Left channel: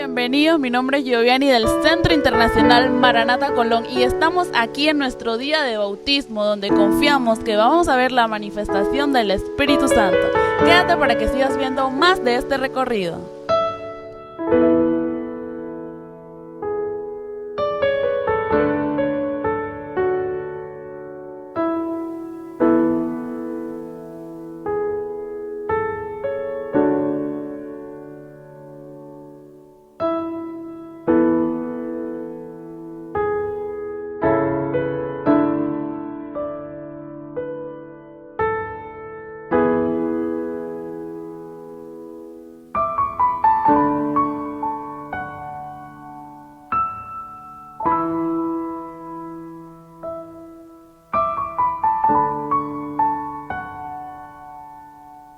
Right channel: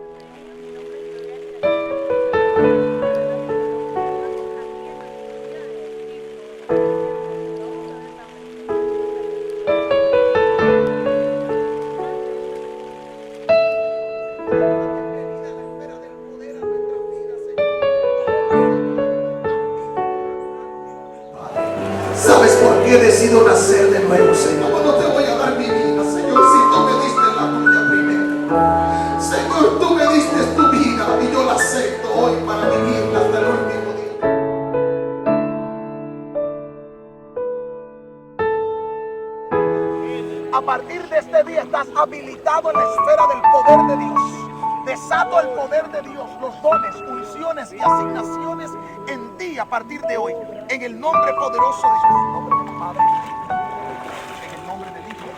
bienvenidos. Mi nombre es Giovanni del Centro Internacional Maranata Colón y estamos aquí en nuestro día de bautismo, donde confiamos que vamos a ver la manifestación del Espíritu Santo. Quédate para que sigas viendo más de este recorrido. ¿Sabes por qué decido nacer de nuevo, Señor? No te voy a dar mi vida, Señor, si tú me diste la tuya primero. Señor, tú me diste tu vida y yo la acepto hoy para vivirla hasta el último día. A partir de este día estás habilitado en la esfera del poder de Dios. Desato el poder de Dios, los dones, unciones y asignaciones en ti a partir de hoy. En el nombre poderoso de Dios. En el nombre del Padre, en el nombre del Hijo.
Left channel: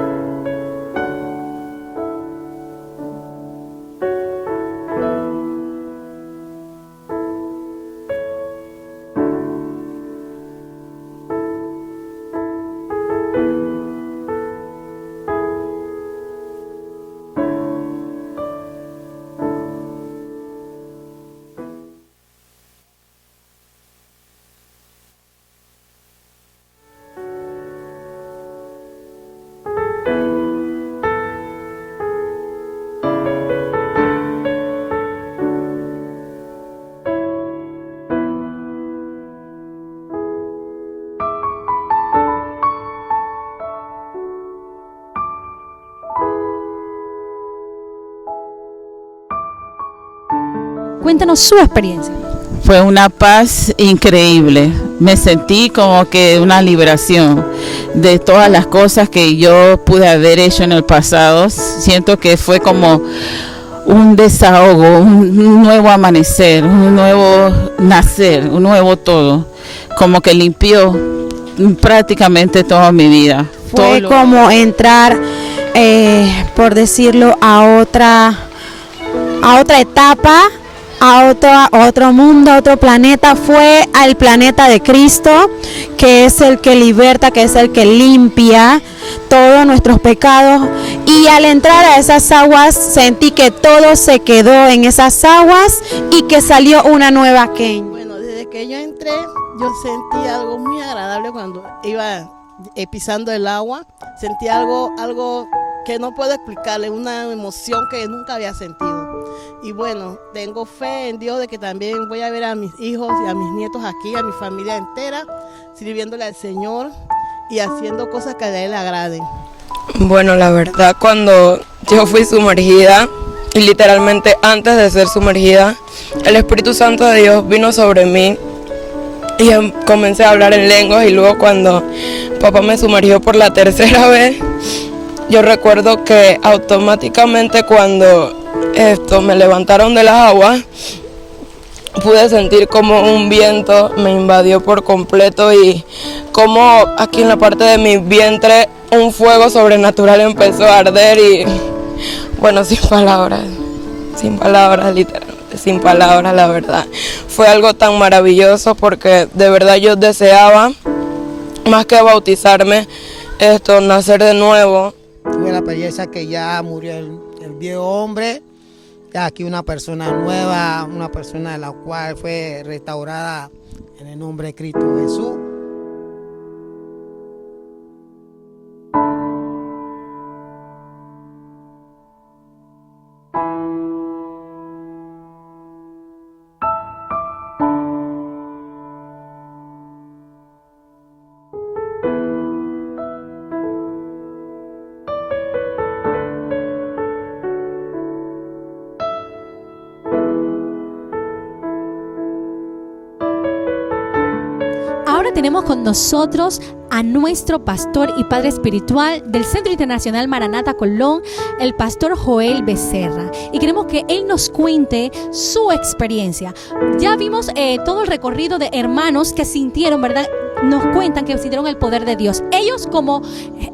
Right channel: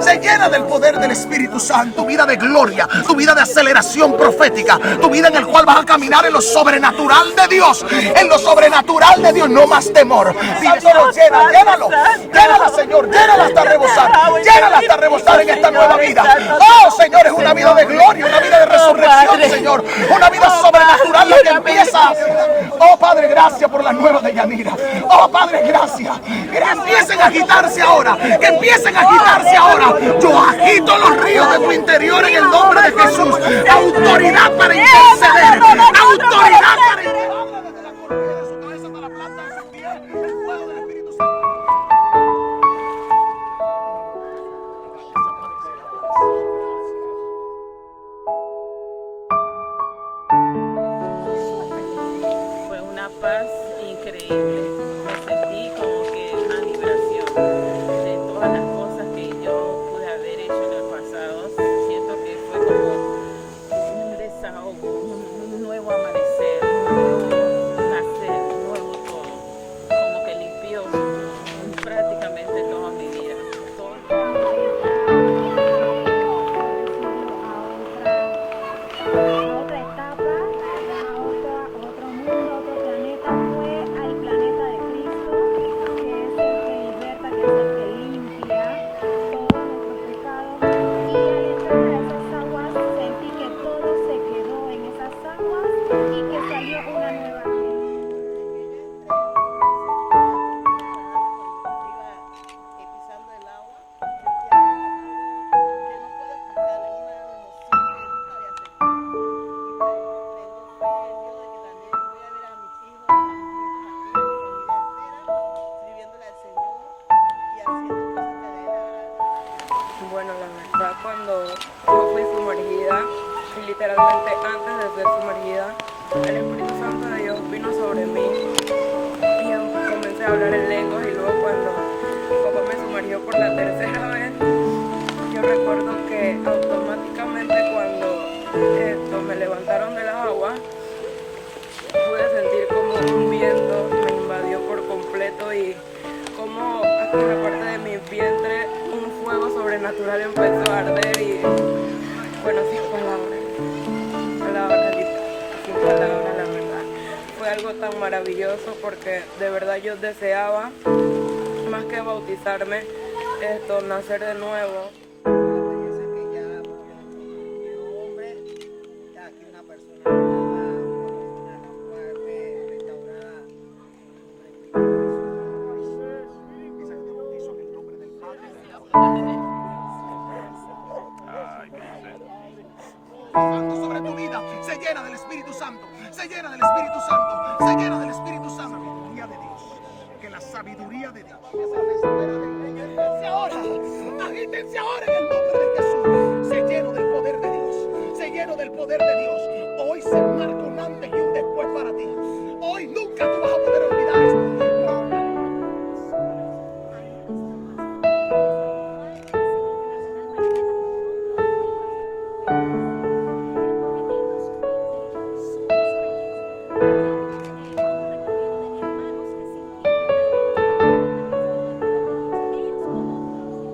Se llena del poder del Espíritu Santo. Vida de gloria, tu vida de aceleración profética, tu vida en el cual vas a caminar en lo sobrenatural de Dios. En lo sobrenatural de Dios, no más temor. Dile, solo llénalo, Señor, llénala hasta rebosar en esta nueva vida. Oh, Señor, es una vida de gloria, una vida de resurrección, Señor, una vida sobrenatural la que empieza. Oh, Padre, gracias por la nueva de Yanira. Oh, Padre, gracias. Que empiecen a agitarse ahora, que empiecen a agitarse ahora. Yo agito los ríos de tu interior en el nombre de Jesús. Autoridad para interceder, autoridad para interceder. Cuéntanos su experiencia. Fue una paz increíble. Me sentí como que una liberación de todas las cosas que yo pude haber hecho en el pasado. Siento que fue como un desahogo, un nuevo amanecer, un nuevo nacer, un nuevo todo. Como que limpió prácticamente toda mi vida. Fue como entrar, por decirlo, a otra etapa, a otro mundo, a otro planeta. Fue al planeta de Cristo, que es el que liberta, que es el que limpia todos nuestros pecados. Y al entrar a esas aguas sentí que todo se quedó en esas aguas y que salió una nueva Kenia. Bueno, desde que yo entré, yo sentí algo muy agradable cuando iba pisando el agua. Sentí algo que no puedo explicarle, una emoción que nunca había sentido. Y bueno, tengo fe en Dios de que también voy a ver a mis hijos y a mis nietos aquí, a mi familia entera, sirviéndole al Señor y haciendo cosas que a Él le agraden. Bueno, la verdad, cuando yo fui sumergida, y literalmente antes de ser sumergida, el Espíritu Santo de Dios vino sobre mí y comencé a hablar en lenguas. Y luego cuando papá me sumergió por la tercera vez, yo recuerdo que automáticamente cuando me levantaron de las aguas, pude sentir como un viento me invadió por completo y como aquí en la parte de mi vientre un fuego sobrenatural empezó a arder y bueno, sin palabras, literalmente, sin palabras, la verdad. Fue algo tan maravilloso porque de verdad yo deseaba, más que bautizarme, nacer de nuevo. Tuve la experiencia que ya murió el viejo hombre, ya aquí una persona nueva, una persona de la cual fue restaurada en el nombre de Cristo Jesús. Sobre tu vida, se llena del Espíritu Santo, se llena del Espíritu Santo, se llena del Espíritu Santo. La sabiduría de Dios, que la sabiduría de Dios. Agítense ahora en el nombre de Jesús. Se lleno del poder de Dios, se lleno del poder de Dios. Hoy se marca un antes y un después para ti. Hoy nunca te vas a poder olvidar esto. Ahora tenemos con nosotros a nuestro pastor y padre espiritual del Centro Internacional Maranata Colón, el pastor Joel Becerra, y queremos que él nos cuente su experiencia. Ya vimos todo el recorrido de hermanos que sintieron, ¿verdad? Nos cuentan que sintieron el poder de Dios. Ellos como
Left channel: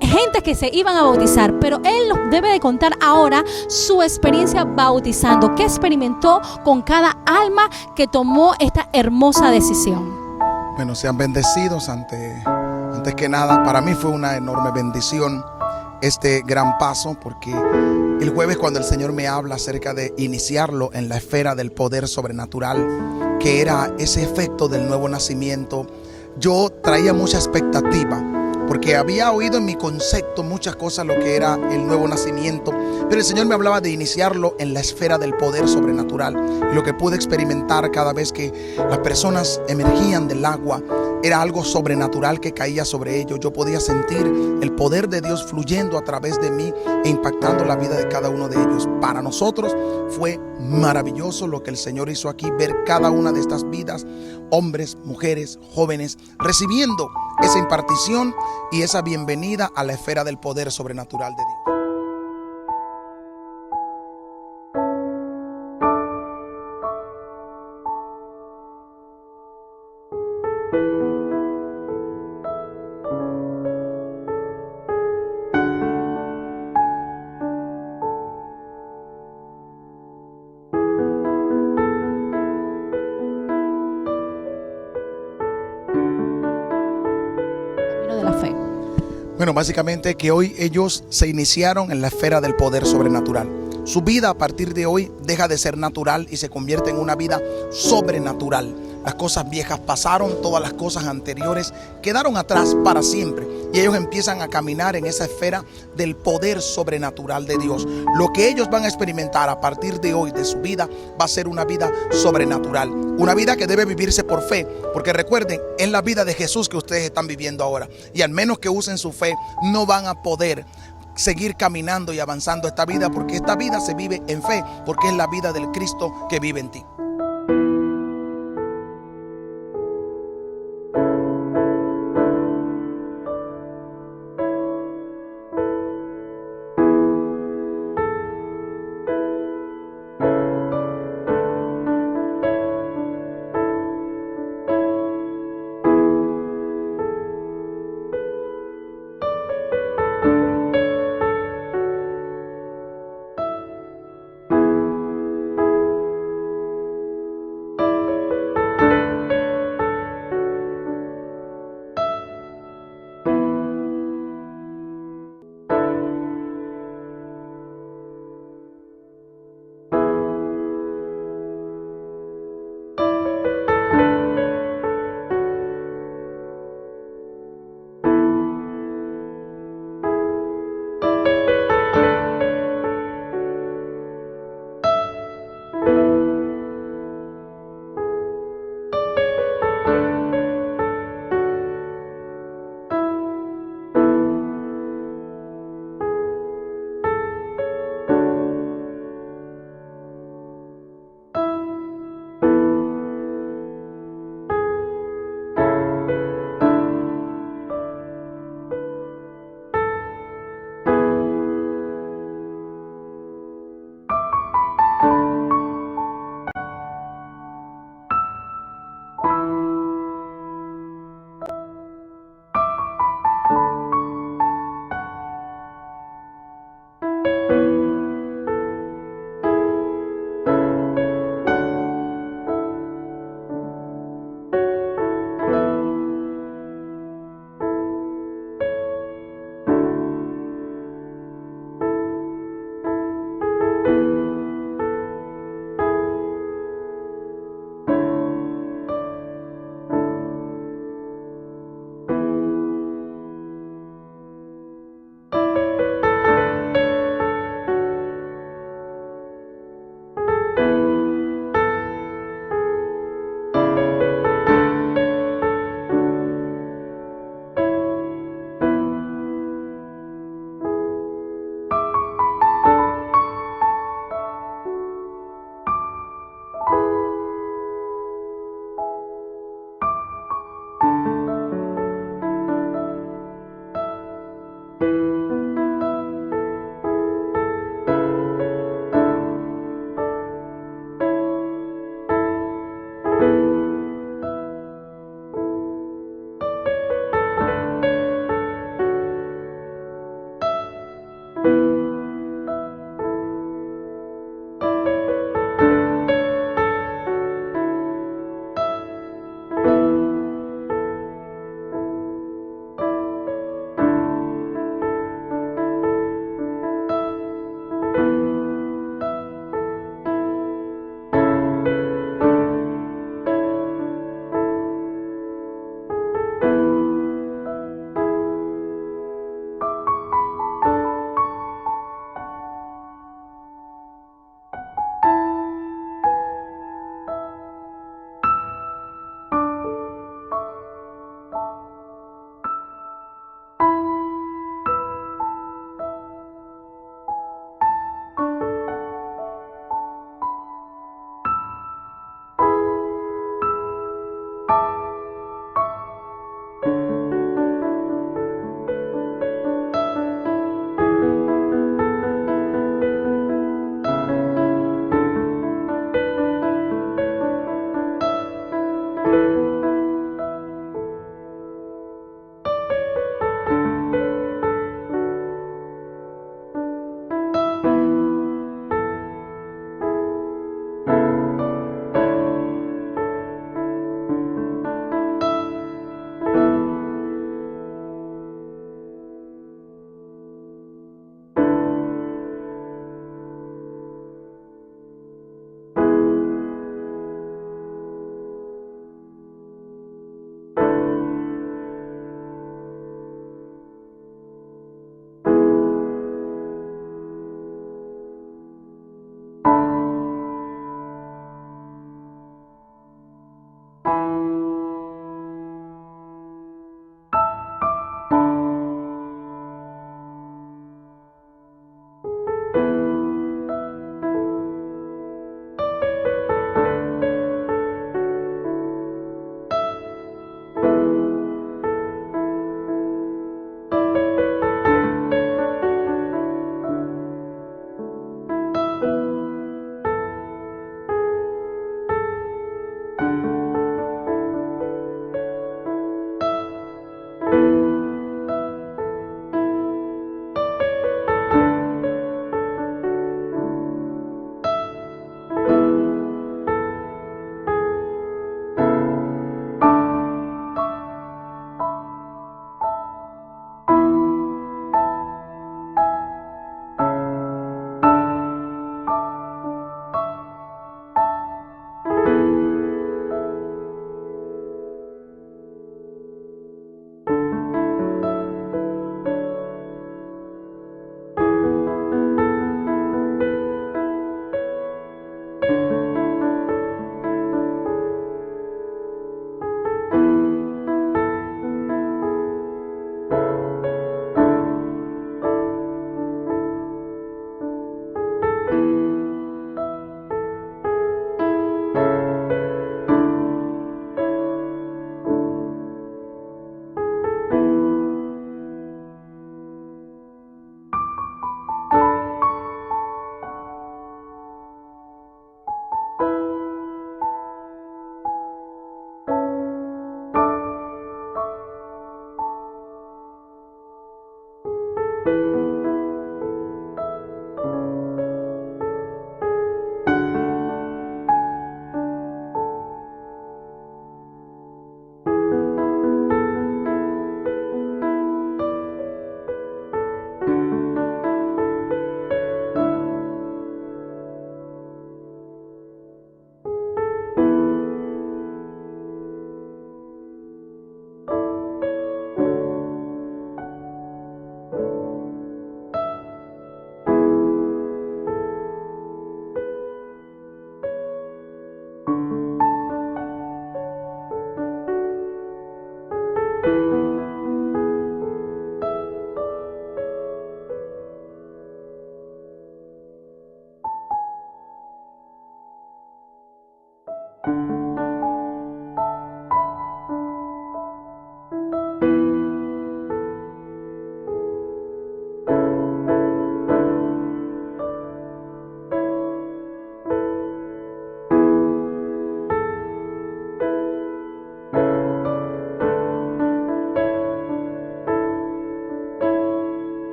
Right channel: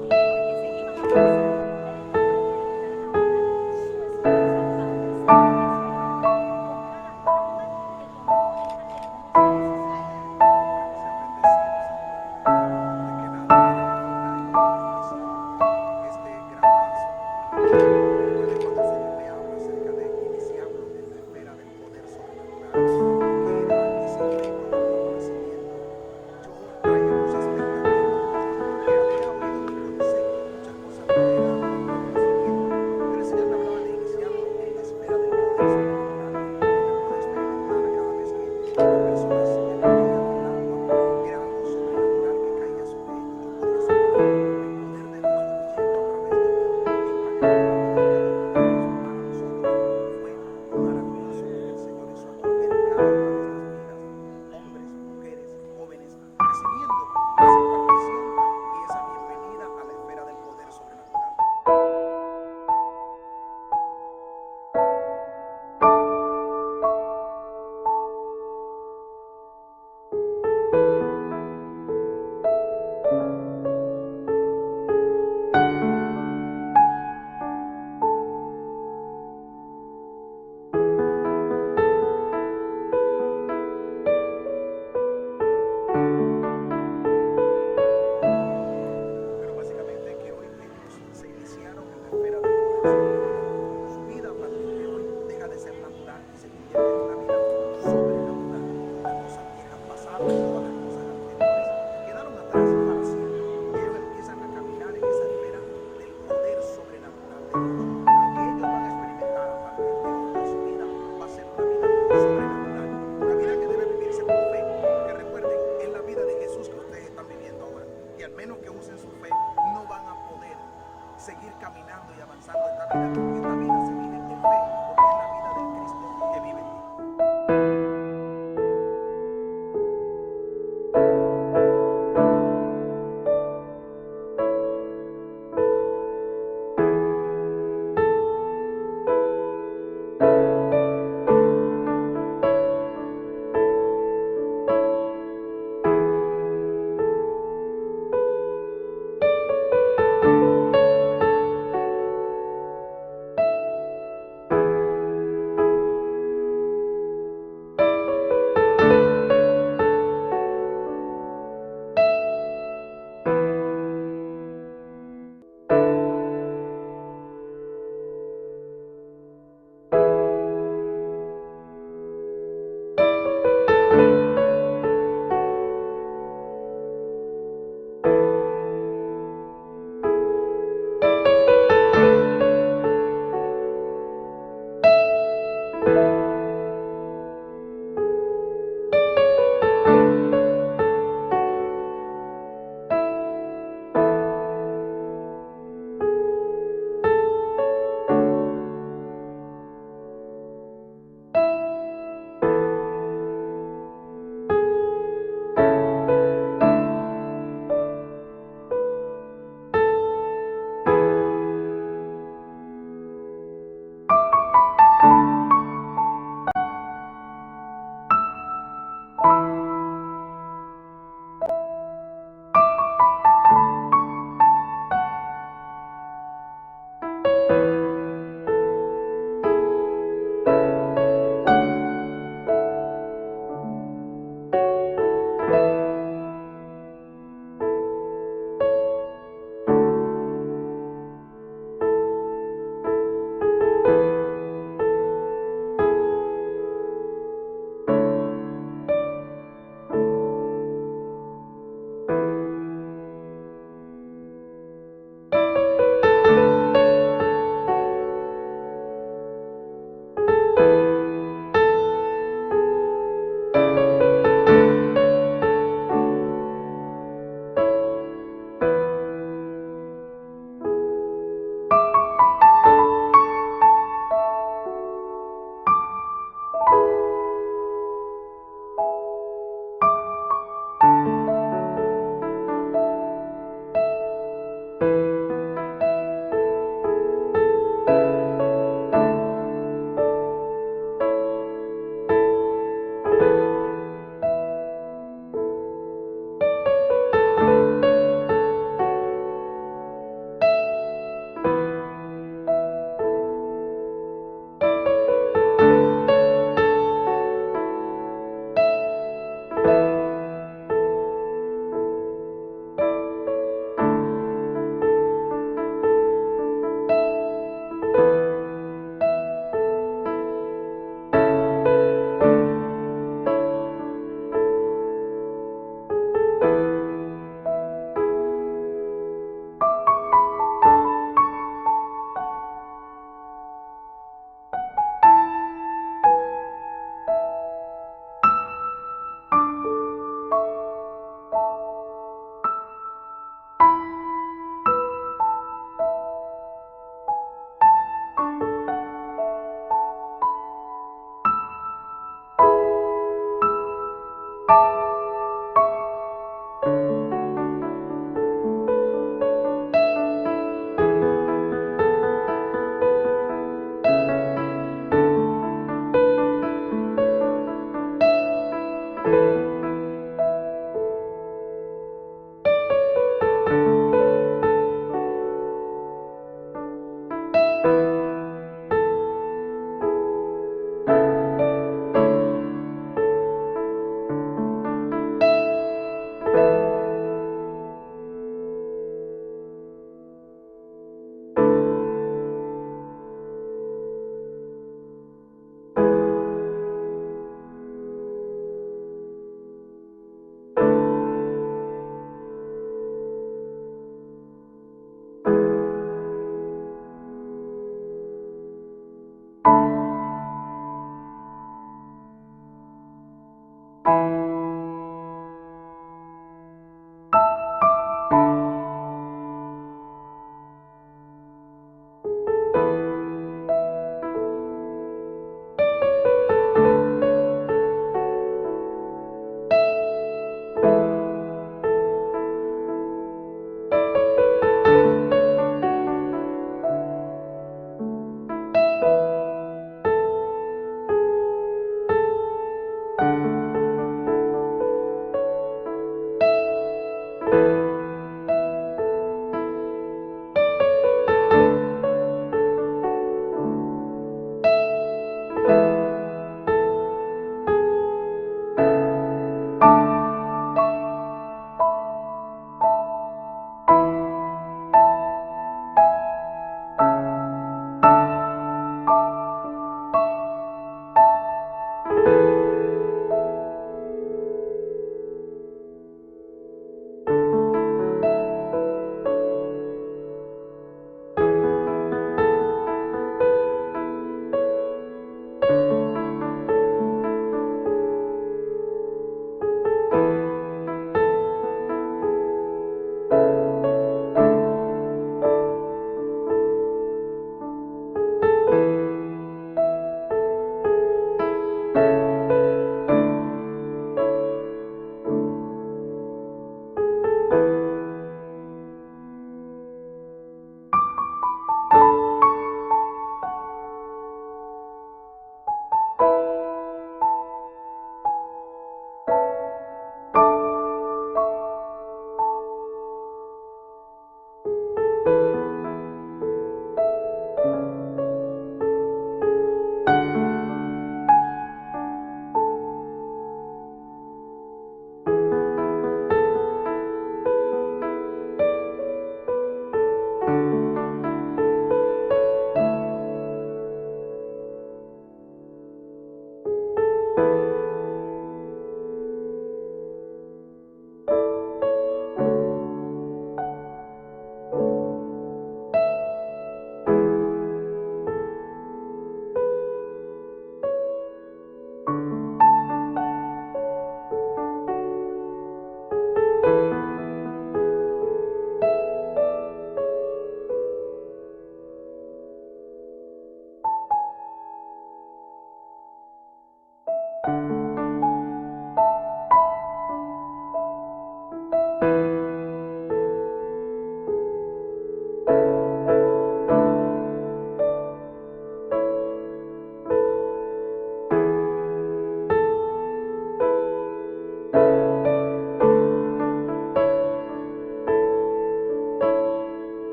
gente que se iban a bautizar, pero él nos debe de contar ahora su experiencia bautizando, qué experimentó con cada alma que tomó esta hermosa decisión. Bueno, sean bendecidos antes que nada. Para mí fue una enorme bendición este gran paso, porque el jueves, cuando el Señor me habla acerca de iniciarlo en la esfera del poder sobrenatural, que era ese efecto del nuevo nacimiento, yo traía mucha expectativa, porque había oído en mi concepto muchas cosas lo que era el nuevo nacimiento, pero el Señor me hablaba de iniciarlo en la esfera del poder sobrenatural. Y lo que pude experimentar cada vez que las personas emergían del agua era algo sobrenatural que caía sobre ellos. Yo podía sentir el poder de Dios fluyendo a través de mí e impactando la vida de cada uno de ellos. Para nosotros fue maravilloso lo que el Señor hizo aquí, ver cada una de estas vidas, hombres, mujeres, jóvenes, recibiendo esa impartición y esa bienvenida a la esfera del poder sobrenatural de Dios. De la fe. Bueno, básicamente que hoy ellos se iniciaron en la esfera del poder sobrenatural. Su vida a partir de hoy deja de ser natural y se convierte en una vida sobrenatural. Las cosas viejas pasaron, todas las cosas anteriores quedaron atrás para siempre. Y ellos empiezan a caminar en esa esfera del poder sobrenatural de Dios. Lo que ellos van a experimentar a partir de hoy de su vida va a ser una vida sobrenatural. Una vida que debe vivirse por fe. Porque recuerden, es la vida de Jesús que ustedes están viviendo ahora. Y al menos que usen su fe, no van a poder seguir caminando y avanzando esta vida, porque esta vida se vive en fe, porque es la vida del Cristo que vive en ti.